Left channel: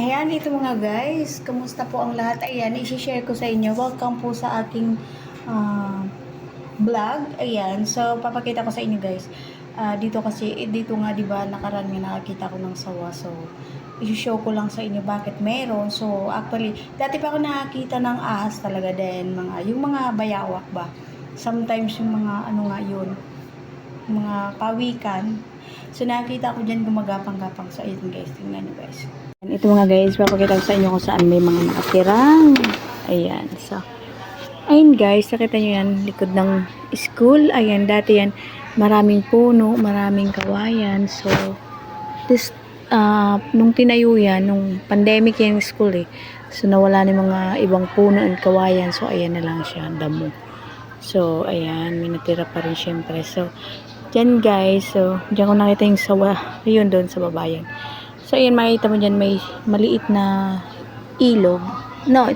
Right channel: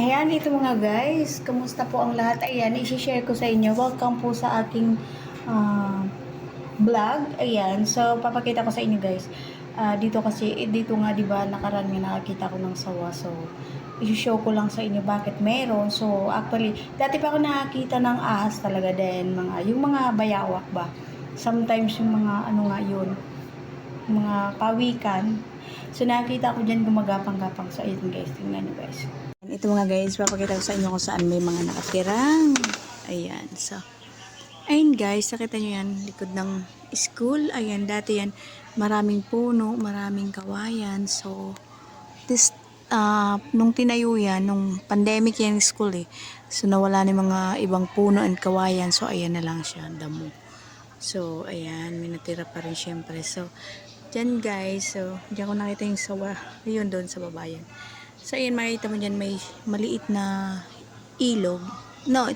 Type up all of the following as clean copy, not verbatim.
Ayan, ito mga guys. Kamusta po ang lahat? Ayan, isi-share ko sa inyo. Welcome po sa aking ah, vlog. Ayan, so papakita ko sa inyo guys. Dito kasi, dito nga diba nakaraan nga nakakita ko ng sawa. So, isi-show ko lang sa inyo bakit meron. So, actually, dati pa ako nakakita ng ahas talaga din. Yung mga bayawak ba? Sometimes yung mga ano nga yun, mga pawikan. So, nakita ko dyan gumagapang-gapang. So, ayun guys, tingnan nyo guys. Ito mga guys, papakita ko sa inyo kung saan may mga nakatirang. Ayan, so. Ayun guys, nakita nyo yan, likod ng school. Ayan, dati yan, maraming puno, maraming kawayan. So, nung tinayo yan, nung pandemic yan yung school eh. So, nawala na yung mga ibang puno and kawayan. So, ayan na lang siya, damo. So, ayan, may natira pa rin syempre. So, dyan guys, so, dyan ko nakita yung sawa. Ayun doon sa babayan. So, ayan, makikita mo dyan may maliit na ilog. No,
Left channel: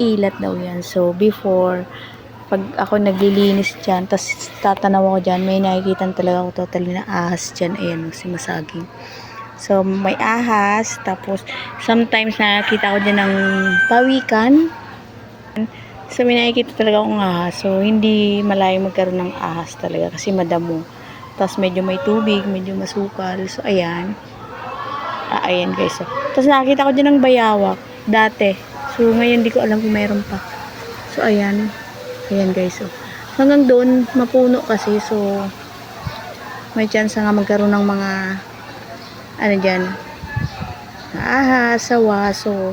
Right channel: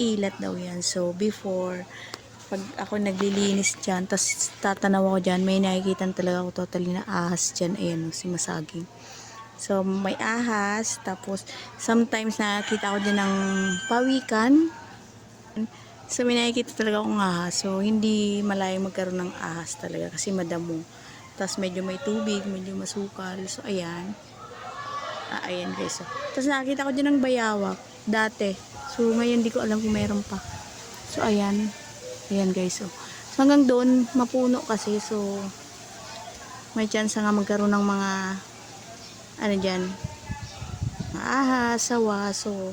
ilat daw yan. So, before, pag ako naglilinis dyan, tas tatanaw ako dyan, may nakikita talaga ako totally na ahas dyan. Ayan, si Masaging. So, may ahas. Tapos, sometimes nakikita ko dyan ng pawikan. So, may nakikita talaga akong ahas. So, hindi malayo magkaroon ng ahas talaga kasi madamo. Tapos, medyo may tubig, medyo masukal. So, ayan. Ayan guys. So, tapos nakita ko dyan ng bayawak. Dati. So, ngayon di ko alam kung meron pa. So, ayan. Ayan guys. So, hanggang doon, mapuno kasi. So, may chance nga magkaroon ng mga ano dyan, ahas, sawa. So,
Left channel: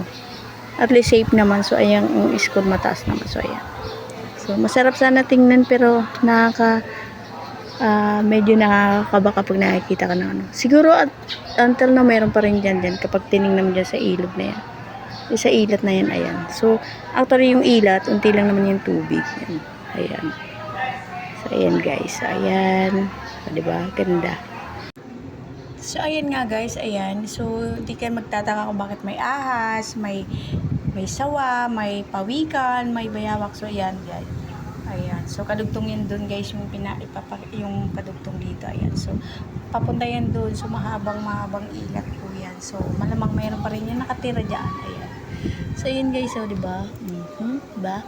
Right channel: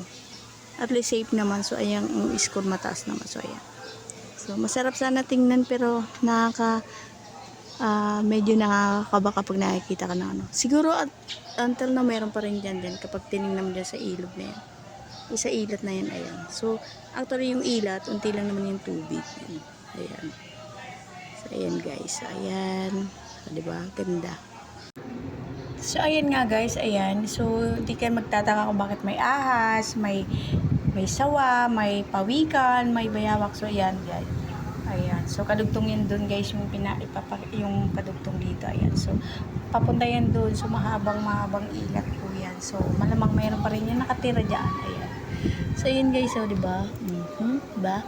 at least safe naman. So, ayan, ang score mataas naman. So, ayan. So, masarap sana tingnan pero medyo nakakaba kapag nakikita ka ng ano. Siguro until na meron pa rin dyan kapag tinignan mo dyan sa ilog na yan. Sa ilat na yan, ayan. So, actually yung ilat, unti lang naman yung tubig. Yan. Ayan. So, ayan guys. Ayan. So, diba? Ganda. So, ayan nga guys. Ayan. So, di kayo magtataka kung bakit may ahas, may sawa, may pawikan, may bayawak. So, ayan guys. Ayan. So, kadugtong yan doon guys, yung kadugtong dito. Ayan. So, papunta yan doon. So, mahabang ilat po yan. So, malamang mayroon pa rin yan nakatira dyan. Ayan. So, ayan guys. So, diba? Diba?